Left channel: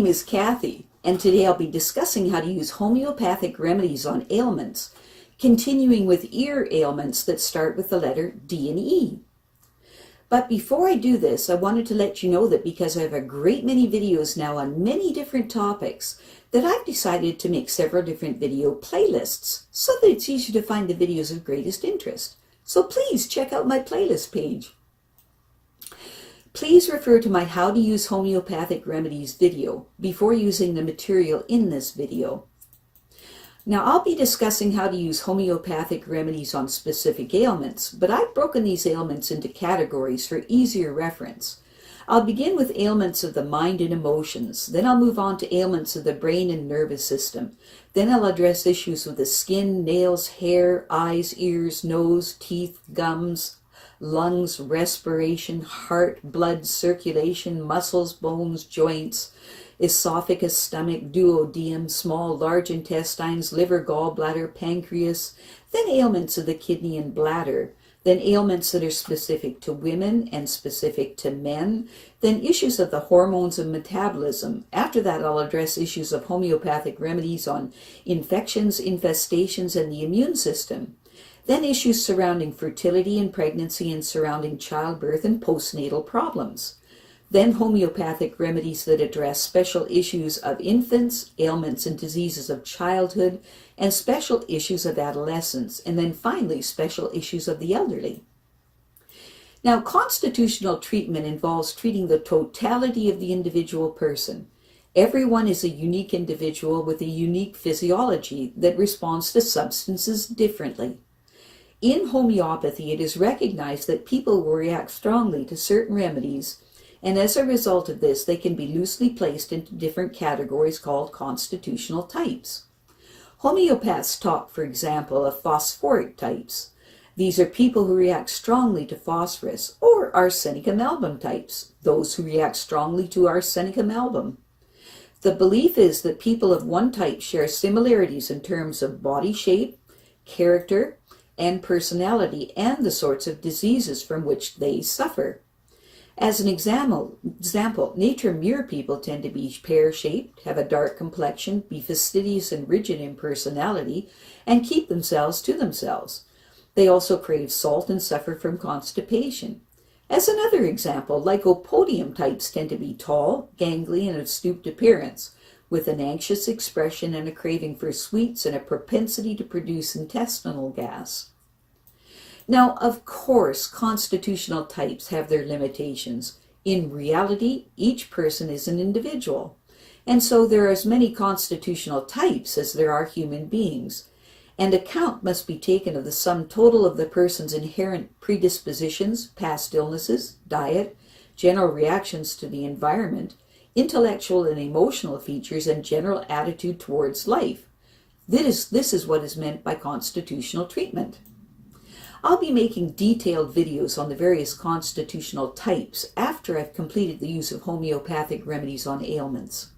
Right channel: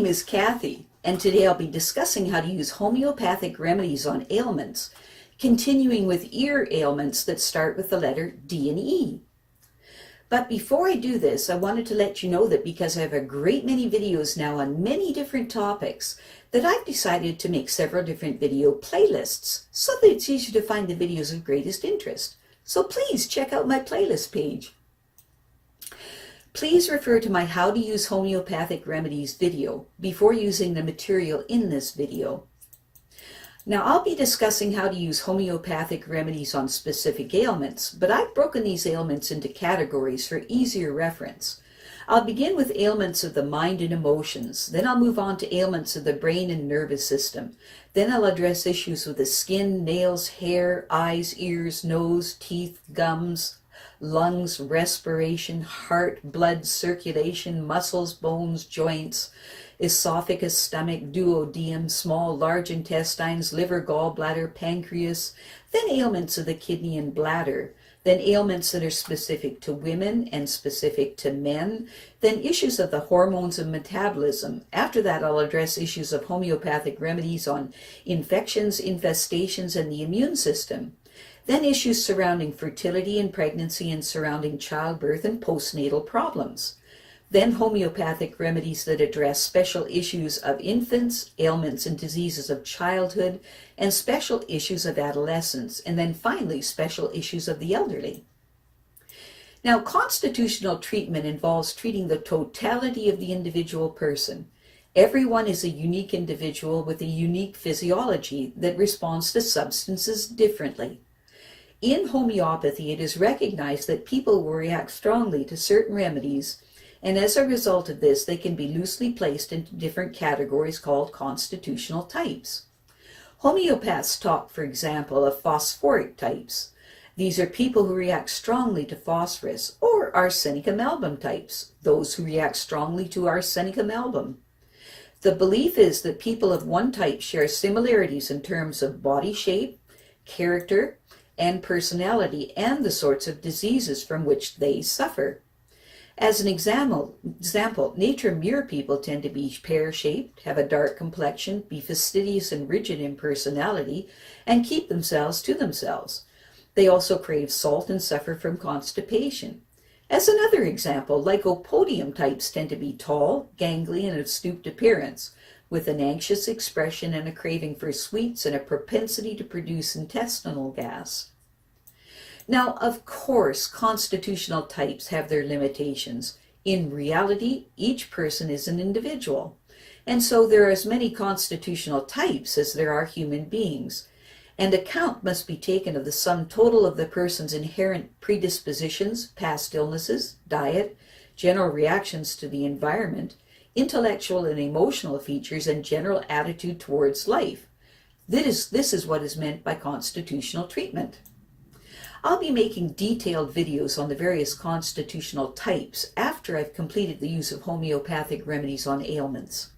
name is Kathy, and today I'll be discussing how to use homeopathic remedies on ailments, continuing with ear ailments that start with the letter D and E. But before I do this, I wanted to let you know that because I have a great many videos now on many different topics, that I've decided to make several different video playlists so that it's easier to find the videos of greatest interest. So please check out my playlist page. Please refer to my How to Use Homeopathic Remedies video before using the material in this video. Now, I'll be discussing how to use homeopathic remedies on specific ailments, but I've broken these ailments into categories for easier reference. I'll begin with ailments of the mind and emotions, then I'll move on to ailments of the brain and nervous system. Then I'll address issues with the skin, nails, hair, eyes, ears, nose, teeth, gums, lungs, respiration, heart, blood, circulation, muscles, bones, joints, esophagus, stomach, duodenum, small, large intestines, liver, gallbladder, pancreas, then ailments of the kidney and bladder, then ailments that are specific to women and specific to men, then issues of the hormones and metabolism. After that, I'll address issues of homeopathic remedies on infections, infestations, and the immune system. Then issues surrounding fertility and pregnancy and surrounding childbirth and postnatal problems. Then homeopathic remedies that address special issues of infants, ailments and diseases of childhood, and special issues of adolescence, and then finally special issues of the elderly. Now, constitutional treatment involves treating the totality of the individual person. Everyone is a unique individual with a unique physiology that responds to substances differently. In homeopathy, it is recognized that people will react strongly to certain remedies, and as a result of this, they can be loosely placed into different categories called constitutional types. Homeopaths talk, for example, of phosphoric types. These are people who react strongly to phosphorus, or arsenicum album types, those who react strongly to arsenicum album. The belief is that people of one type share similarities in terms of body shape, character, and personality, and the sorts of diseases from which they suffer. As an example, nature mirror people tend to be pear-shaped, have a dark complexion, be fastidious and rigid in personality, and keep themselves to themselves. They also crave salt and suffer from constipation. As another example, Lycopodium types tend to be tall, gangly, and of stooped appearance, with an anxious expression and a craving for sweets and a propensity to produce intestinal gas. Now, of course, constitutional types have their limitations. In reality, each person is an individual, and so there are as many constitutional types as there are human beings, and account must be taken of the sum total of the person's inherent predispositions, past illnesses, diet, general reactions to the environment, intellectual and emotional features, and general attitude towards life. This is what is meant by constitutional treatment. I'll be making detailed videos on the various constitutional types after I've completed the use of homeopathic remedies on ailments.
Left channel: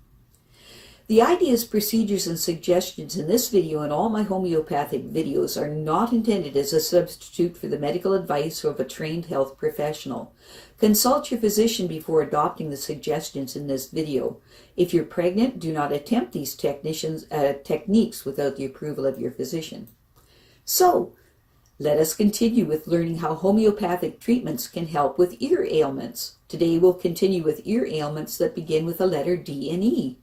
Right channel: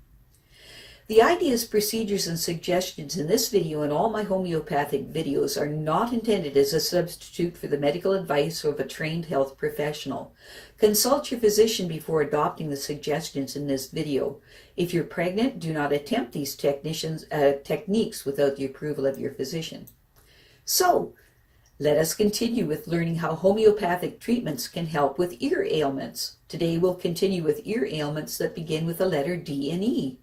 The ideas, procedures, and suggestions in this video and all my homeopathic videos are not intended as a substitute for the medical advice of a trained health professional. Consult your physician before adopting the suggestions in this video. If you're pregnant, do not attempt these techniques without the approval of your physician. So, let us continue with learning how homeopathic treatments can help with ear ailments. Today we'll continue with ear ailments that begin with the letter D and E.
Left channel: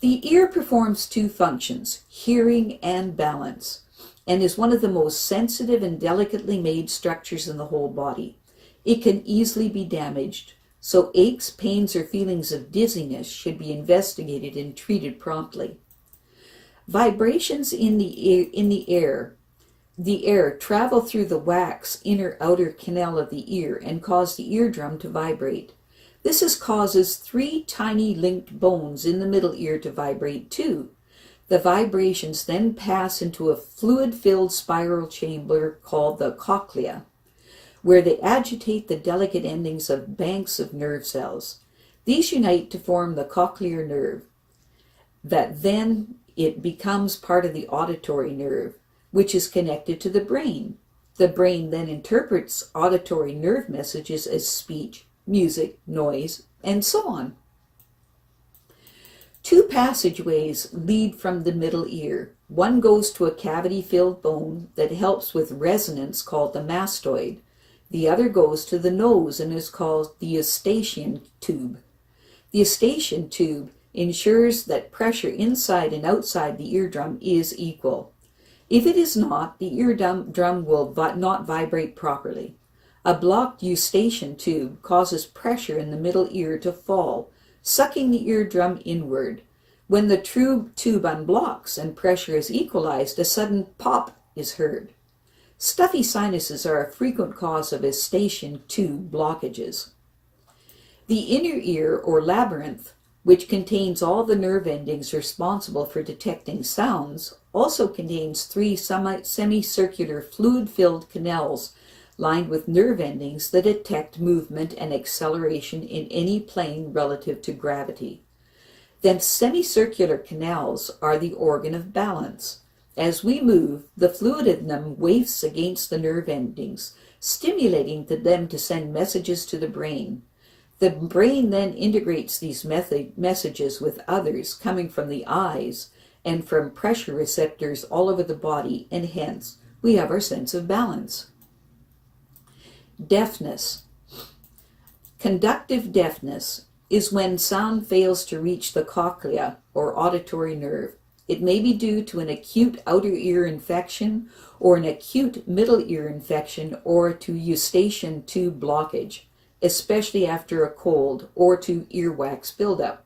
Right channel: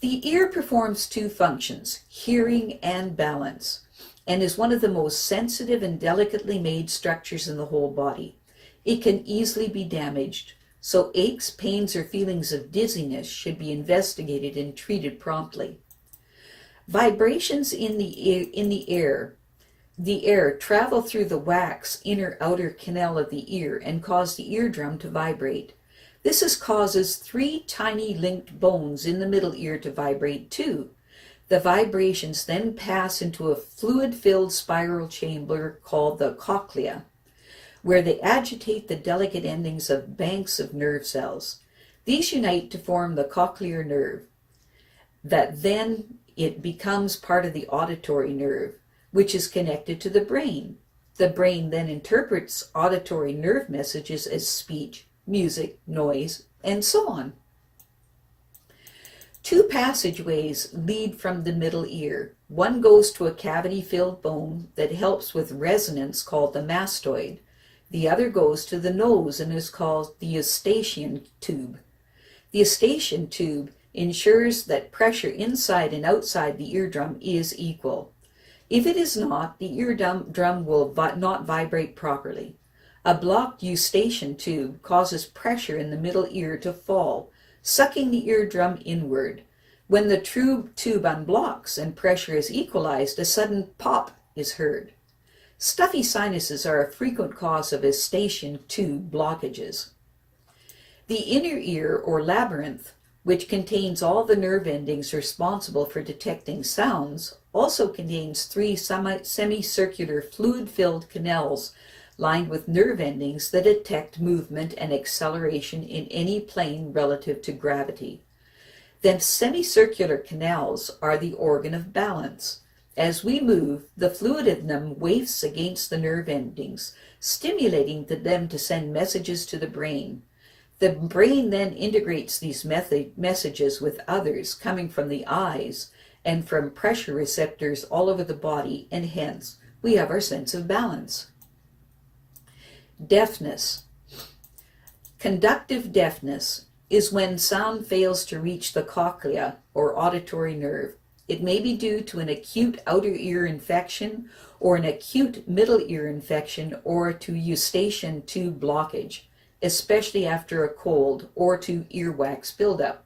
The ear performs two functions, hearing and balance, and is one of the most sensitive and delicately made structures in the whole body. It can easily be damaged, so aches, pains, or feelings of dizziness should be investigated and treated promptly. Vibrations in the air travel through the wax inner outer canal of the ear and cause the eardrum to vibrate. This causes three tiny linked bones in the middle ear to vibrate too. The vibrations then pass into a fluid-filled spiral chamber called the cochlea, where they agitate the delicate endings of banks of nerve cells. These unite to form the cochlear nerve, that then it becomes part of the auditory nerve, which is connected to the brain. The brain then interprets auditory nerve messages as speech, music, noise, and so on. Two passageways lead from the middle ear. One goes to a cavity-filled bone that helps with resonance called the mastoid. The other goes to the nose and is called the Eustachian tube. The Eustachian tube ensures that pressure inside and outside the eardrum is equal. If it is not, the eardrum will not vibrate properly. A blocked Eustachian tube causes pressure in the middle ear to fall, sucking the eardrum inward. When the tube unblocks and pressure is equalized, a sudden pop is heard. Stuffy sinuses are a frequent cause of Eustachian tube blockages. The inner ear, or labyrinth, which contains all the nerve endings responsible for detecting sounds, also contains three semicircular fluid-filled canals lined with nerve endings that detect movement and acceleration in any plane relative to gravity. The semicircular canals are the organ of balance. As we move, the fluid in them wafts against the nerve endings, stimulating them to send messages to the brain. The brain then integrates these messages with others coming from the eyes and from pressure receptors all over the body, and hence we have our sense of balance. Deafness. Conductive deafness is when sound fails to reach the cochlea, or auditory nerve. It may be due to an acute outer ear infection or an acute middle ear infection or to Eustachian tube blockage, especially after a cold, or to earwax buildup.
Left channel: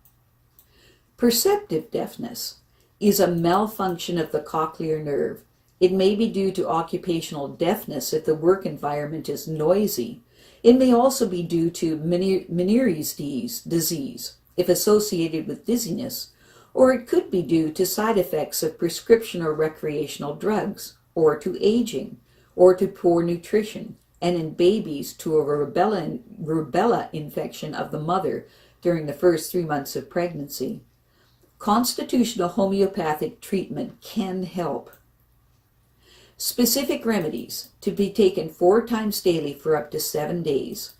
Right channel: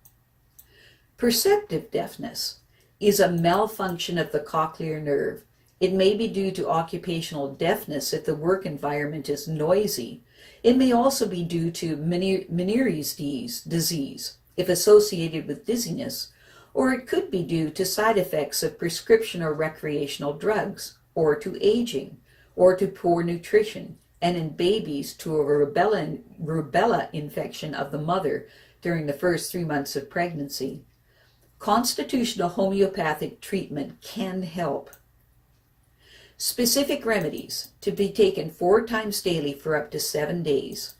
Perceptive deafness is a malfunction of the cochlear nerve. It may be due to occupational deafness if the work environment is noisy. It may also be due to Mercurius disease if associated with dizziness, or it could be due to side effects of prescription or recreational drugs, or to aging, or to poor nutrition, and in babies to a rubella infection of the mother during the first 3 months of pregnancy. Constitutional homeopathic treatment can help. Specific remedies to be taken 4 times daily for up to 7 days.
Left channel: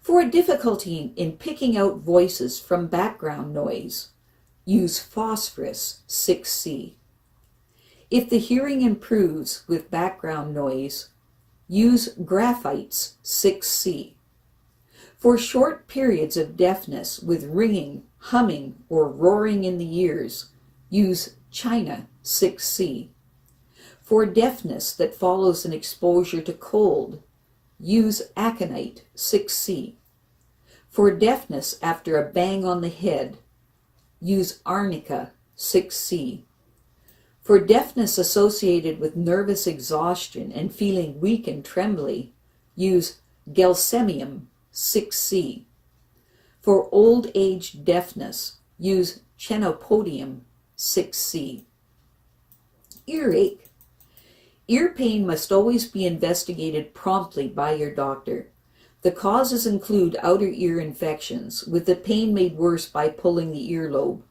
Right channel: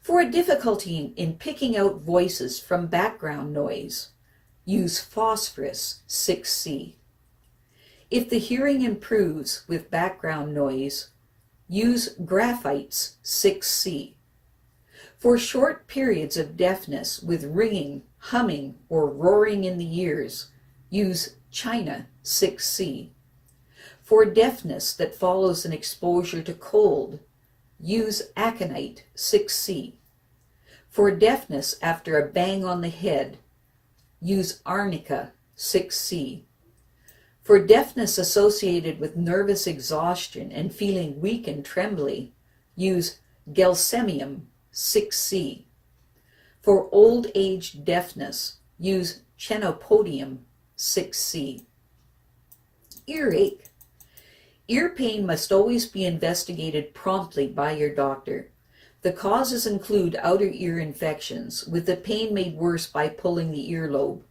For a difficulty in picking out voices from background noise, use Phosphorus 6C. If the hearing improves with background noise, use Graphites 6C. For short periods of deafness with ringing, humming, or roaring in the ears, use China 6C. For deafness that follows an exposure to cold, use Aconite 6C. For deafness after a bang on the head, use Arnica 6C. For deafness associated with nervous exhaustion and feeling weak and trembly, use Gelsemium 6C. For old age deafness, use Chenopodium 6C. Earache. Ear pain must always be investigated promptly by your doctor. The causes include outer ear infections, with the pain made worse by pulling the earlobe,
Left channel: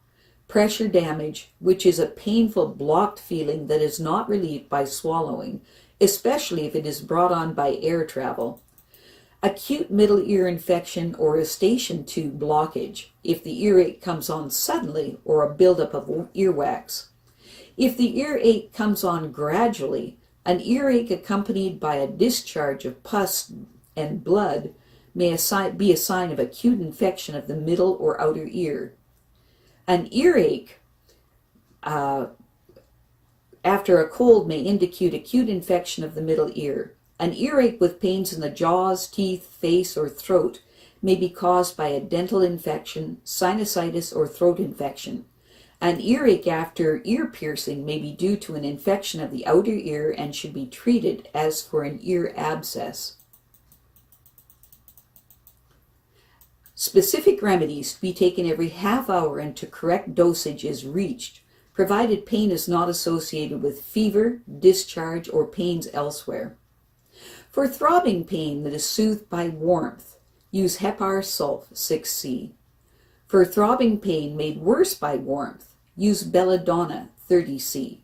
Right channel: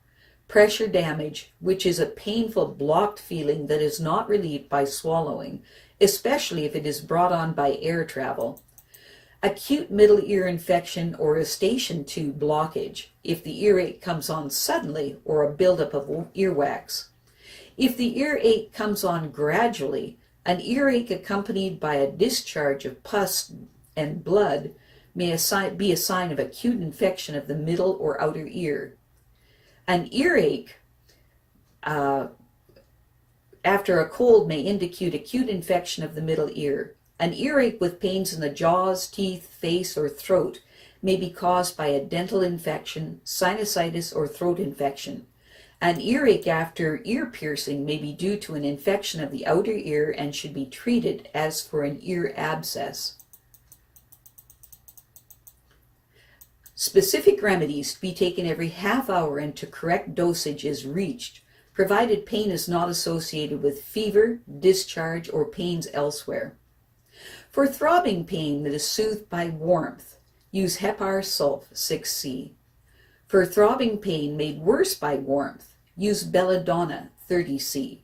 pressure damage, which is a painful blocked feeling that is not relieved by swallowing, especially if it is brought on by air travel, acute middle ear infection or Eustachian tube blockage, if the earache comes on suddenly or a buildup of earwax. If the earache comes on gradually, an earache accompanied by a discharge of pus and blood may be a sign of acute infection of the middle or outer ear. An earache after a cold may indicate acute infection of the middle ear. An earache with pains in the jaws, teeth, face, or throat may be caused by a dental infection, sinusitis, or throat infection. An earache after ear piercing may be due to an infection of the outer ear and should be treated as for an ear abscess. Specific remedies to be taken every half hour and to correct dosage is reached, provided pain is not associated with fever, discharge, or pains elsewhere. For throbbing pain that is soothed by warmth, use Hepar Sulph 6C. For throbbing pain made worse by warmth, use Belladonna 30C.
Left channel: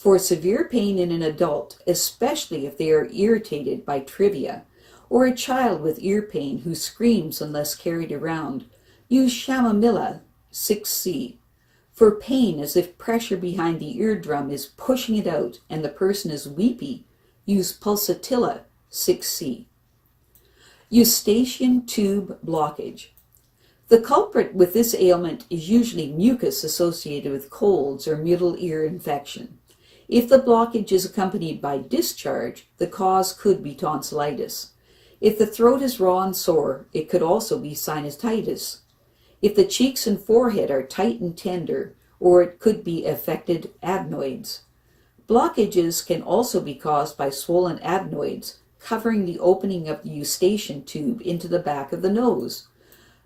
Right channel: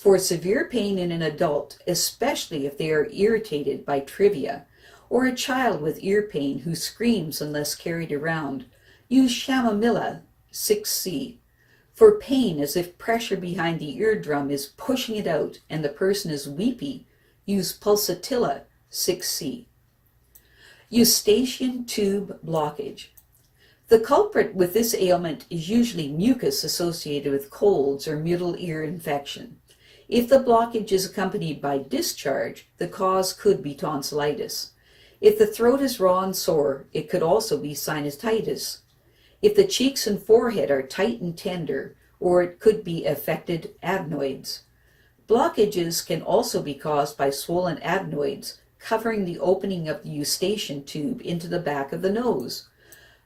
For severe pain in an adult, especially if they are irritated by trivia, or a child with ear pain who screams unless carried around, use Chamomilla 6C. For pain, as if pressure behind the eardrum is pushing it out and the person is weepy, use Pulsatilla 6C. Eustachian tube blockage. The culprit with this ailment is usually mucus associated with colds or middle ear infection. If the blockage is accompanied by discharge, the cause could be tonsillitis. If the throat is raw and sore, it could also be sinusitis. If the cheeks and forehead are tight and tender, or it could be affected adenoids. Blockages can also be caused by swollen adenoids covering the opening of the eustachian tube into the back of the nose.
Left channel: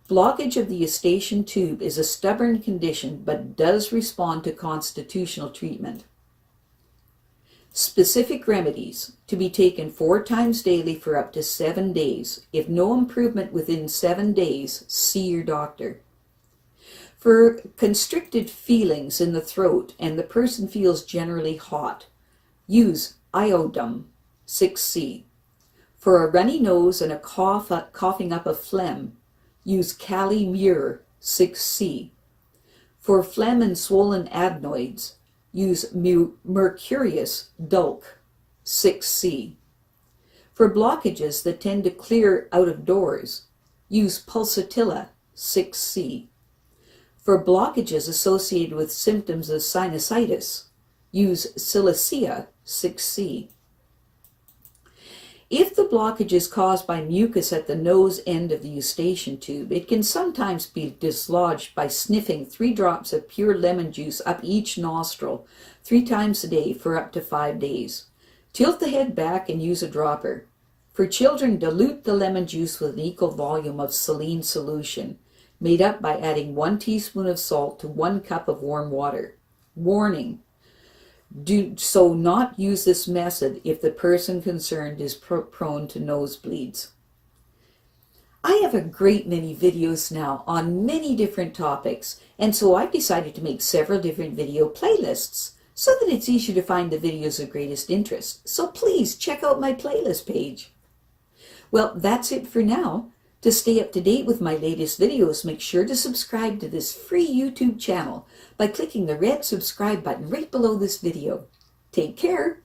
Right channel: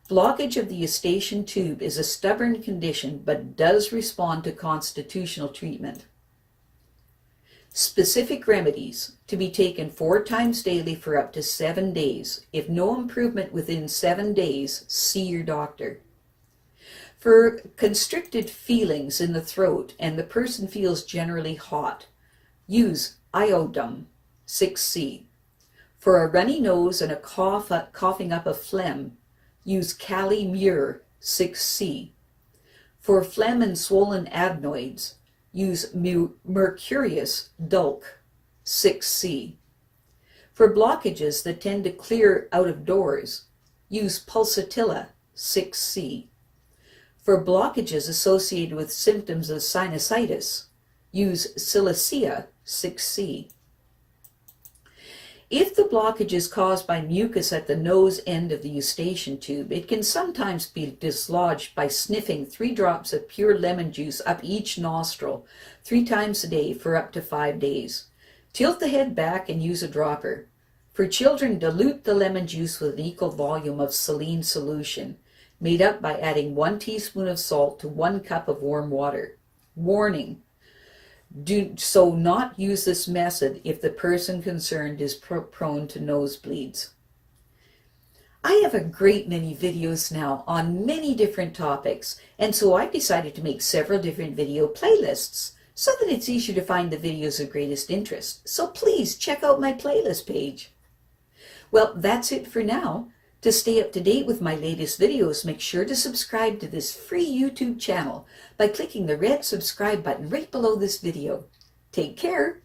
Blockage of the eustachian tube is a stubborn condition but does respond to constitutional treatment. Specific remedies to be taken 4 times daily for up to 7 days. If no improvement within 7 days, see your doctor. For constricted feelings in the throat and the person feels generally hot, use Iodum 6C. For a runny nose and a coughing up a phlegm, use Kali Mur 6C. For phlegm and swollen adenoids, use Mercurius Dulc 6C. For blockages that tend to clear out of doors, use Pulsatilla 6C. For blockages associated with symptoms of sinusitis, use Silicea 6C. If the blockage is caused by mucus at the nose end of the eustachian tube, it can sometimes be dislodged by sniffing 3 drops of pure lemon juice up each nostril 3 times a day for up to 5 days. Tilt the head back and use a dropper. For children, dilute the lemon juice with an equal volume of saline solution, made up by adding 1 teaspoon of salt to 1 cup of warm water. Warning: do not use this method if the person concerned is prone to nosebleeds. I have a great many videos now on many different topics, and so I've decided to make several different video playlists so that it's easier to find the videos of greatest interest. So please check out my playlist page. Well, that's it for now. To stay up to date with my latest videos, make sure to subscribe to this free YouTube channel by clicking the red subscribe button right below this video. Take care.